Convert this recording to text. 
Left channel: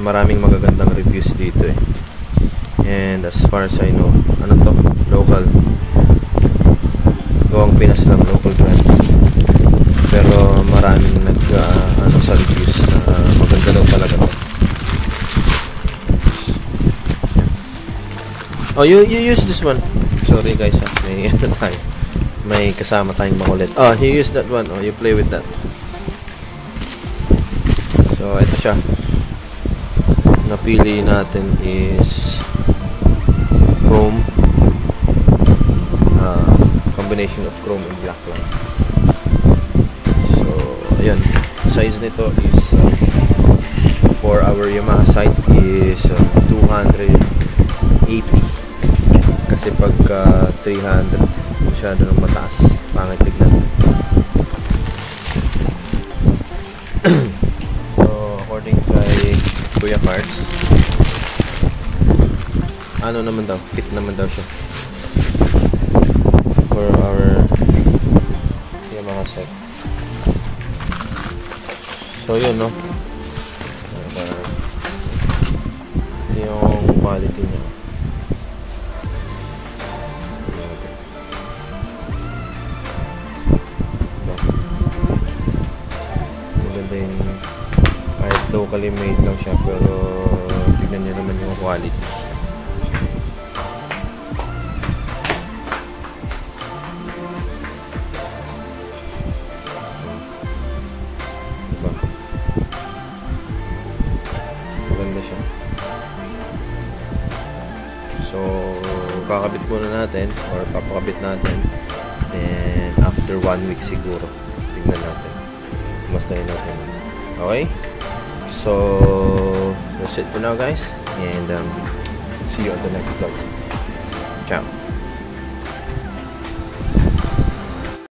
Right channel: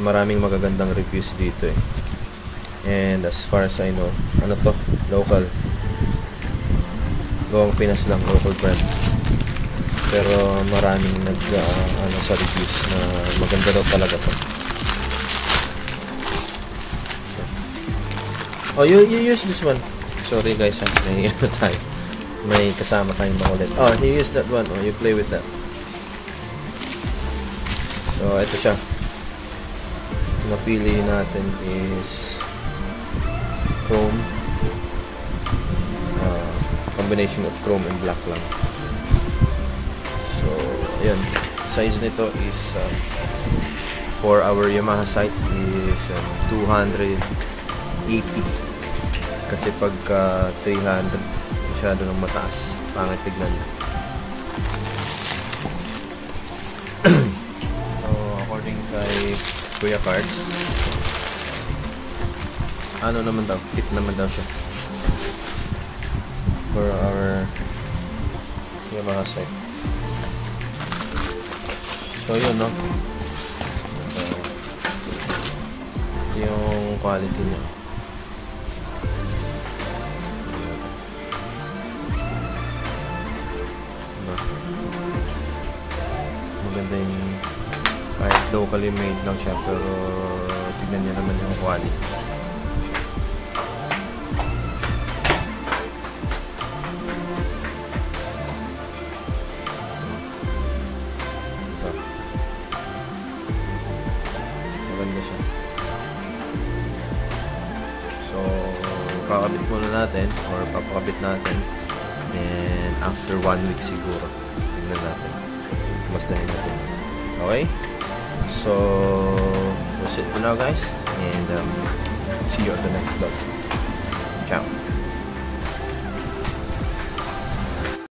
maraming magagandang reviews dito eh. And as far as I know, ano to? Local. Gawang Pinas lang, local brand. Pero maraming sa reviews na maganda daw talaga to. Oh, you use this one. Sorry guys ha. May tayo. May kasama tayong makulit. Oh, you use that one. Oh, you play with that. So, ito siya. Napili natin is chrome. Combination of chrome and black lang. So, ayan. Size nito is for our Yamaha sight is 280. Kasi pagka 300 masyado ng mataas. Pangit tignan. So, according kay Kuya Parts, ano naman daw? Fit naman daw siya for our Yamaha sight. So, yun, no? Yung quality niya. Diba? Maganda yung kahit locally made lang siya, pero tignan nyo naman yung quality. Diba? Maganda siya. So, kakabit muna natin or papakabit natin, and after 1 week siguro tignan natin, mastahin natin. Okay, so that's it for now guys, and see you on the next vlog. Ciao.